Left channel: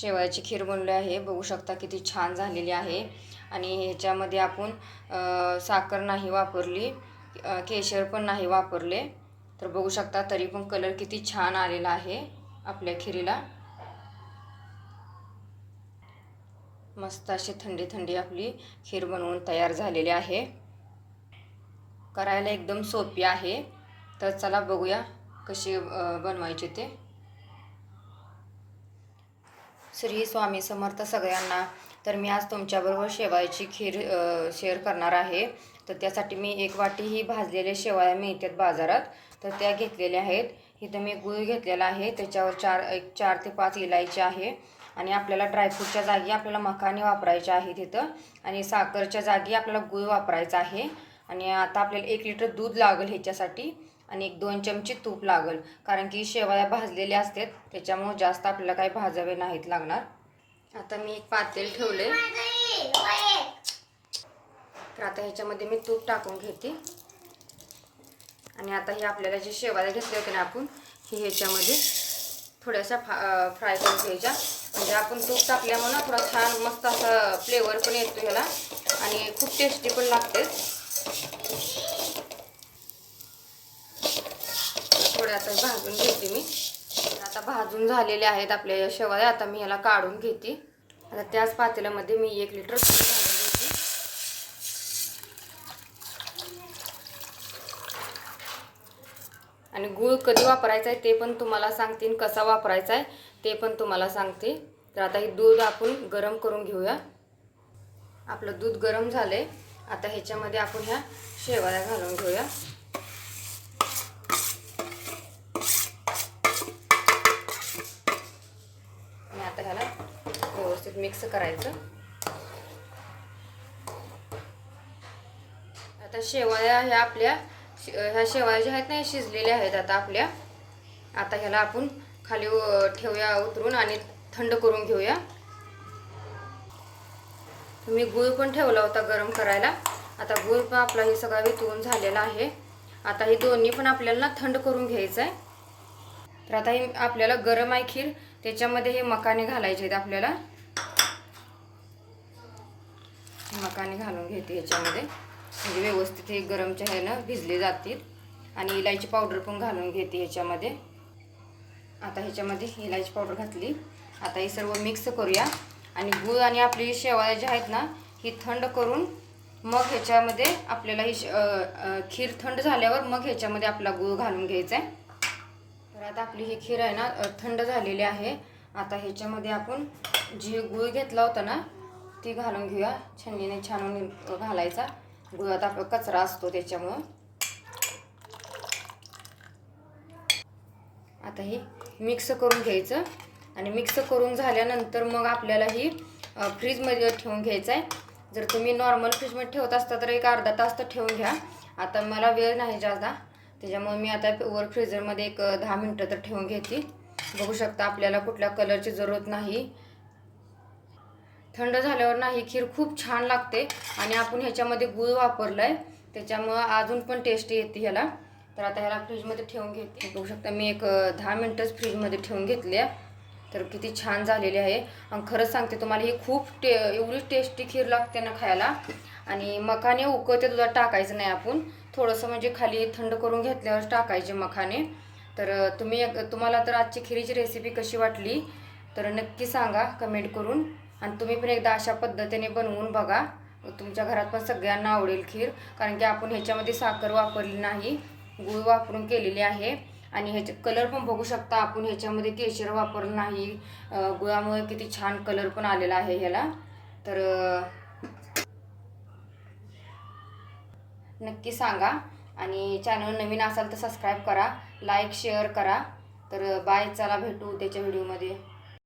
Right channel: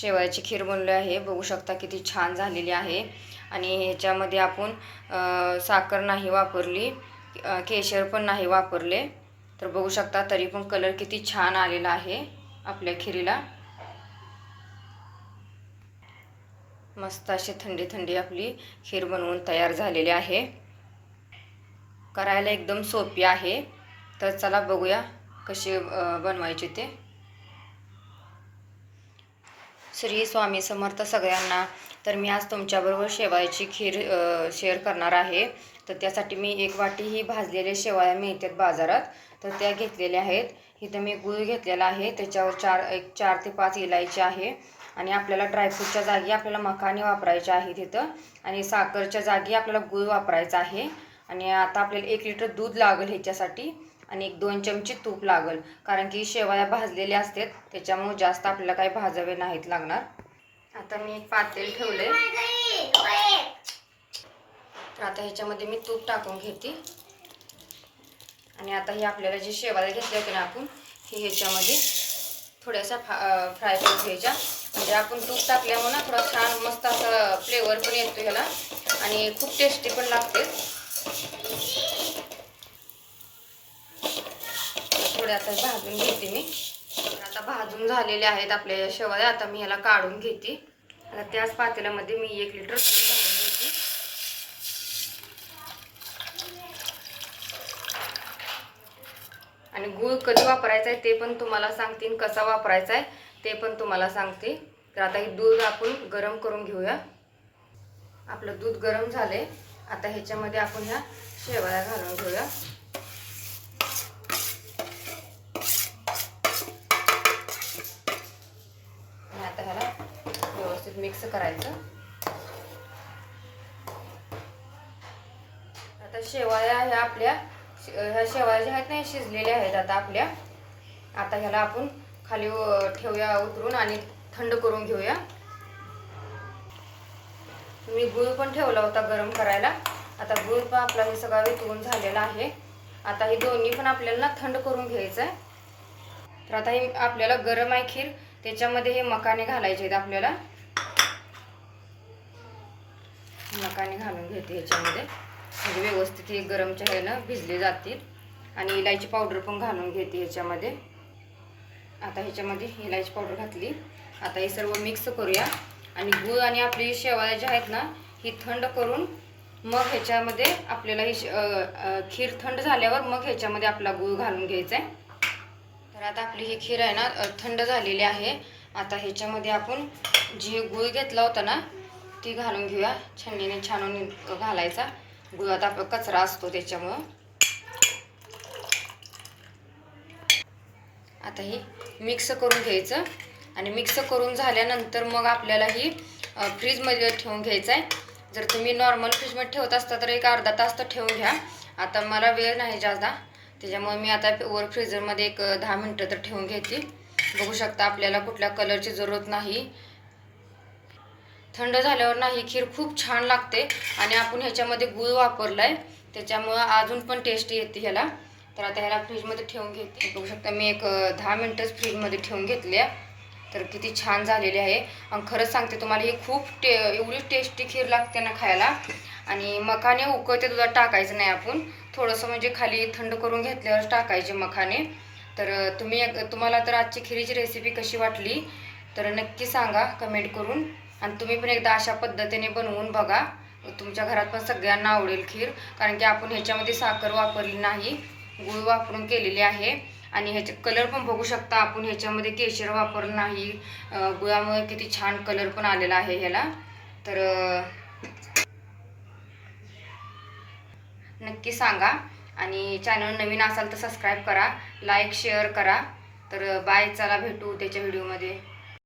शेवयाची खीर बनली आहे. बघू शकता किती छान झालेली आहे. आणि ह्याच्यामध्ये आपण साखर नाही वापरली केशर पण नाही वापरले. तर बघू शकता तरी पण कलर किती छान आलेला आहे आपल्या खिरीला. मस्त अशी थंडी थंडी आपली खीर बनवून तयार झालेली आहे. करायला एकदम सोपी आहे. तर चला बघूया कशी बनवायची ते. श्री स्वामी समर्थ सगळ्यांना. तर मी आज तुमच्याबरोबर शेवाळ्याची खीर शेअर करणार आहे. तर त्यासाठी मी एक वाटी ही भाजलेल्या शेवाळ्या मिळतात बाजारात. तर त्या घेतलेल्या आहेत. इथं मी गूळ घेतलेला आहे. त्याच्यावर चार एक चार ते पाच इलायची आहे. आणि आपल्याला ड्रायफ्रूटच्या जागी आपल्याला मखाने वापरायचे आहे तिथं आणि साखरच्या जागी आपल्याला गूळ वापरायचा आहे. आणि आता आपल्याला एक लिटर दूध लागेल ह्याच्यासाठी. आणि एक दोन चमचे तूप लागेल. कारण की शेवाळ्या भाजलेल्या असतात त्याच्यामुळे जास्त आपल्याला काही भाजावे नाहीत लागणार. आता मी एक पातेल ठेवले. तर आता ह्याच्यामध्ये मी तूप टाकून घेते. आणि आता हे आपल्याला जे शेवाळ्या घेतले होते ना आपण हे ह्याच्यामध्ये थोड्याशा फा फ्राय करून घ्यायच्या. म्हणजे आपण तूप टाकल्यामुळे थोडा छान मस्त असा फ्लेवर पण येतो ह्याला. आणि खूप टेस्टी पण लागते. थोडे आता भाजून घेते मी. आता भाजून झालेले आहेत आपल्या या आता मी ह्याला काढून घेते. आता त्याच पातेल्यामध्ये मी एक लिटर घालून घेते. आणि गूळ कधी वापरायचा आहे ते पण तुम्हाला सांगते कसा वापरायचा आहे ते पण तुम्हाला सांगते. तर आता हे दूध आपण गरम करून घेऊया. आपलं दूध गरम झालंय. आता ह्याच्यामध्ये आपण ह्या शेवाळ्या घालून घेऊया आणि आता ह्याला व्यवस्थित मिक्स करायचं. आता शेवाळ्या ह्या आपल्या ह्या शेवाळ्या ज्या आहेत ना ह्या शिजलेल्या आहेत आता आपल्या. आता ह्याला आपण खाली ठेवूया उतरून आणि थंड करून घेऊया. मी गुळ पण ठेवला होता गरम करायला. आता गुळ पण आपला हे सगळा वितळून झालेला आहे. आता हे दोन्ही पण आपल्याला ना थंड करून घ्यायचं आहे तर आता हे आपल्याला गरम आहे खीर. त्याच्यामध्ये हे मकाने घालायचे आहेत आपल्याला. मकाने घालून घेते ह्याच्यामध्ये म्हणजे व्यवस्थित हे गरमच्या ह्यानं भिजले जातील. आणि इलायची पावडर पण घालून घेते ह्याच्यामध्ये आता ह्याच्यामध्ये इलायची पावडर घातली. आता हे सर्व मिक्स करूया. आणि गूळ आणि आपली शेवाळ्या ज्या आहेत ना ही थंड करून मग ह्याच्यामध्ये आपल्याला ही खीर थंड झाल्यावर मग ह्याच्यामध्ये आपला गूळ घालून घ्यायचा आहे तर आता आपली ही खीर आहे ना थंड झालेली आहे. आता ह्याच्यामध्ये आपण जे गूळ घेतला होता ना ती घालून घेऊया. छन्नीने छानून घालायचा. गुळात आपला कचरा असतो त्याच्यामुळं. आता ही मिक्स करून घ्यायचं. आणि मिक्स करून झाल्यानंतर मग आपल्याला ही फ्रीजमध्ये ठेवून घ्यायचं आहे जर तुम्ही नॉर्मल फ्रीजमध्ये ठेवत असता तर एक अर्धा तास तर ठेवून घ्या. आता मला वेळ नाही जास्त. त्याच्यामुळे मी आता वर फ्रीजरमध्ये एक दहा मिनटं तर ठेवून घेते. बघू शकता आपल्याला कुठल्या कलरची जरूरत नाही. थंड झाल्यावर ना ही खीर खूप छान लागते आणि आपण ह्याच्यामध्ये गूळ वापरला आहे त्याच्यामुळं अजून पण टेस्टी येते ह्याला. तर आता ह्याला फ्रीजमध्ये ठेवून घेते बघू शकता मी एक दहा मिनटंच फ्रीजमध्ये ठेवून घेतल्या. तर किती छान झालेली आहे. आणि खरंच सांगते तुम्हाला ही खूप टे एवढी टेस्टी खीर लागते ना खायला. आणि मखाने उकळते दुधात टाकायचं नाही आपण. थोडंसं म्हणजे खाली थंड करून घेतल्यावर टाकायचे मखाने. तर तुम्ही तुम्हाला तर आजची खिरीची रेसिपी कशी वाटली? तर नक्की सांगा कमेंट करून. आणि तुम्ही पण एकदा अशा पद्धतीने बनवून बघा. तुमच्या घरात पण सगळ्यांना आवडेल खीर. कारण की आपण ह्याच्यामध्ये साखर वापरली नाही. गूळ वापरून केलेली आहे. आणि ह्याचे कलर पण बघू शकता आपण. ह्याच्यामध्ये केशर वापरलं नाही. गुळामुळे किती छान कलर पण आलेला आहे ह्याला. तर नक्की सांगा. आणि चॅनल नवीन असाल तर सबस्क्राईब करा. लाईक शेअर करा. तर बाय चला भेटू त्याच्या व्हिडिओमध्ये